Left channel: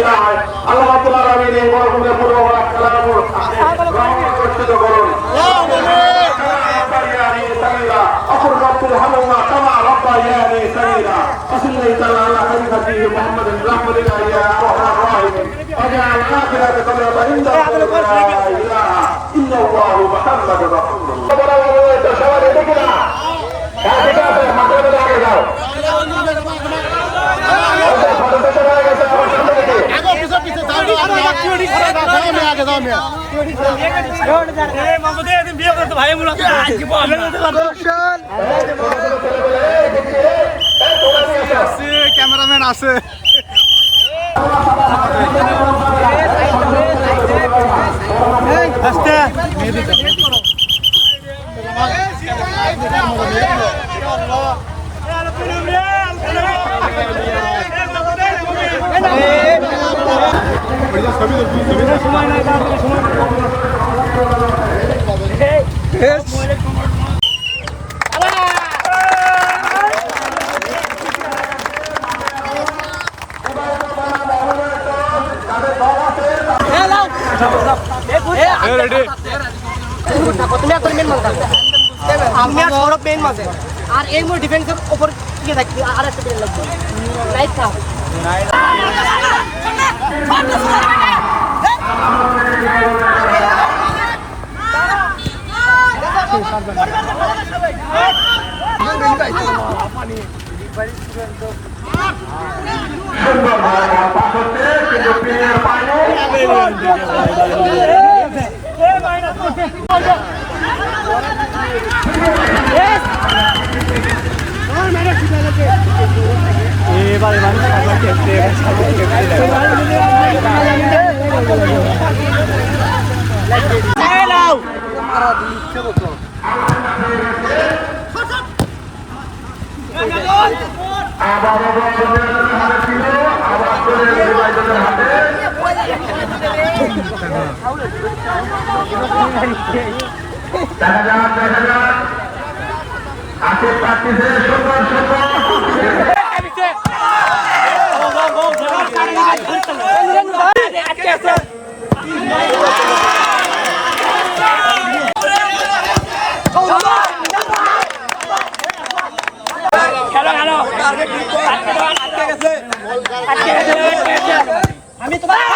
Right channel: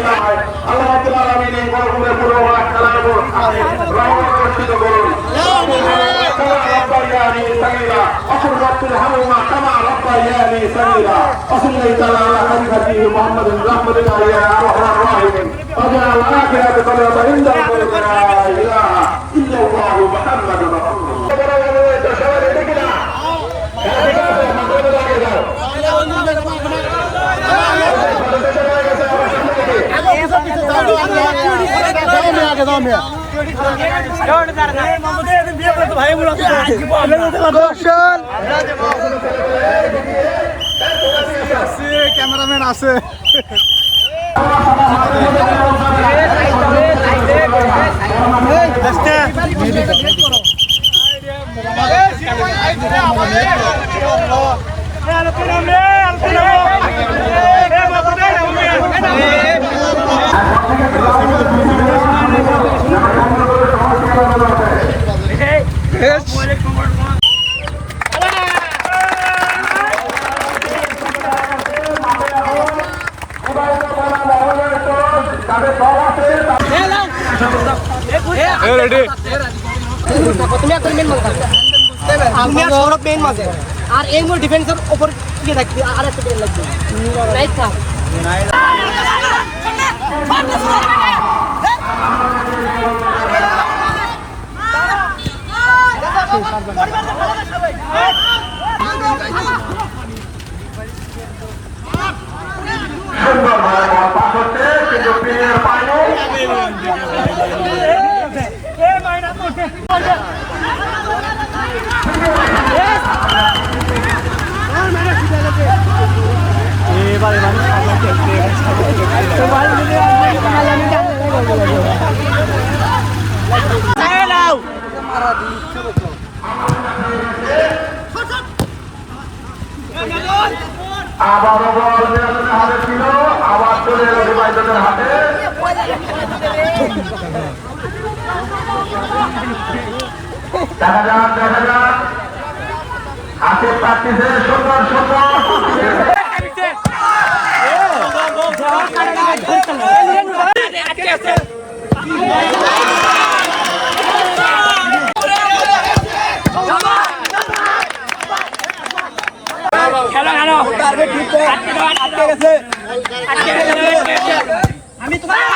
সিনায় আল্লাহ রাব্বুল আলামিন এই মরহুমের পূর্ববাস প্রতিষ্ঠিত করুন। ربياني سميرا أقول رب الهموما كما ربياني سميرا وصلى الله على خليفته محمد رحمة الله يا أكرم الراحمين وجعل آخرة كلمة عند لا إله إلا الله محمد رسول ক্যামেরাম্যান আছে আর এই মোর ডিফেন্সের উপর কি থাকবে আর একটা ট্রেন লাগবে রাইট থাক সুন্দর পাস হচ্ছে কিন্তু পিনের পায়নি আবার হাতে ছিল আবার চলে গেল ডিভাইডারের হাতে দেখা যাক হাতে প্র্যাকটিসে সুন্দর আমি তোমার